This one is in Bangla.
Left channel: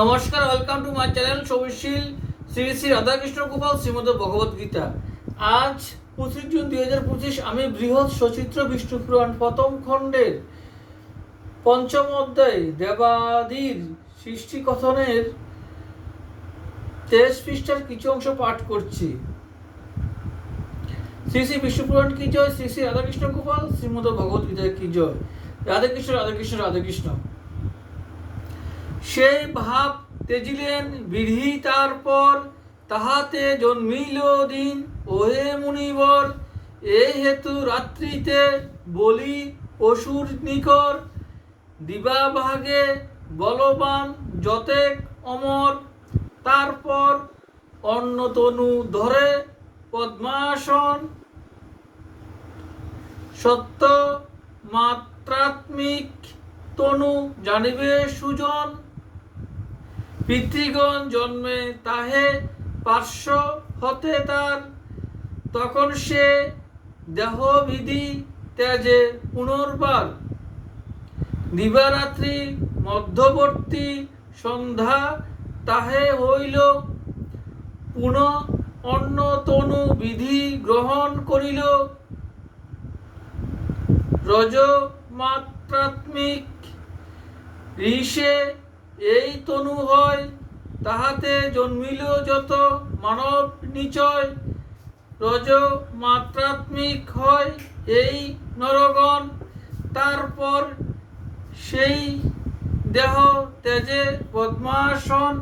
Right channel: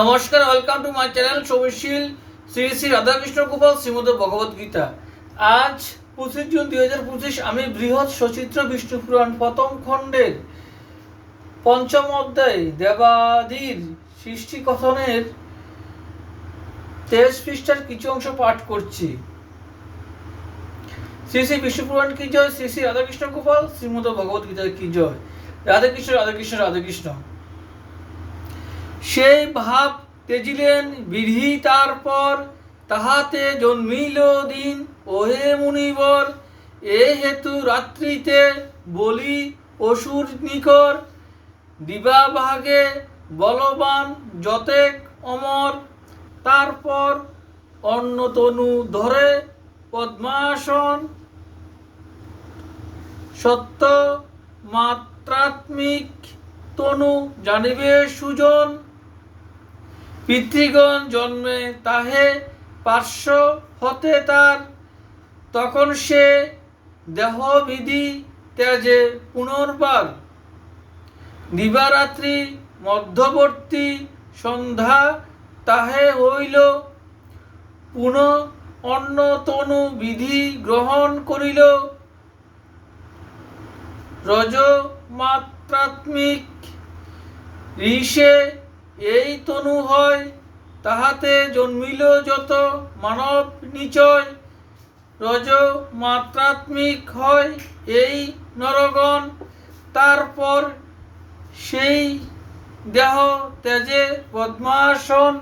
নমস্কার, ওয়েলকাম টু মাই চ্যানেল সৌমিশীল শ্রী শ্রী রাধাকৃষ্ণ গোপাল শ্রীমদ ভগবত গীতা। আজ 25 জুন 2025। আমি বৃহৎ সচিত্র বিষ্ণু পুরাণ প্রথম খণ্ডের পঞ্চম অধ্যায় দেবাদির সৃষ্টি কথনের 23 পৃষ্ঠার কিছু অংশ পাঠ করছি। শ্রী শ্রী বিষ্ণু পুরাণ কি জয়, শ্রী শ্রী রাধাকৃষ্ণ গোপাল শ্রীমদ ভগবত গীতা কি জয়। রাধাকৃষ্ণ রাধাকৃষ্ণ রাধাকৃষ্ণ। সেই ভাব তেজিলেন বিধি, তারপর তাহাতে জন্মিল দিন। ওহে মুনিবর, এ হেতু রাত্রিতে বলি অসুর নিকর। দিবা ভাগে বলবান যতেক অমর। তারপর অন্য তনু ধরে পদ্মাসন। সত্য মাত্রাত্মিক তনু জানিবে সুজন। পিতৃগণ জন্মে তাহে পার্শ্ব হতে তার। তখন সে দেহবিধি ত্যাজে পুনর্বার। দিবারাত্রি মধ্যবর্তী সন্ধ্যা তাহে হইল। পুনঃ অন্য তনু বিধি গ্রহণ করিল। রজমাত্রাত্মিক ঋষে এই তনু হয়। তাহাতে জন্মিল যত মানব নিচয়। রজমাত্রাত্মিক হয় এই নরগণ। তারপর সেই দেহ ত্যাজে পদ্মাসন।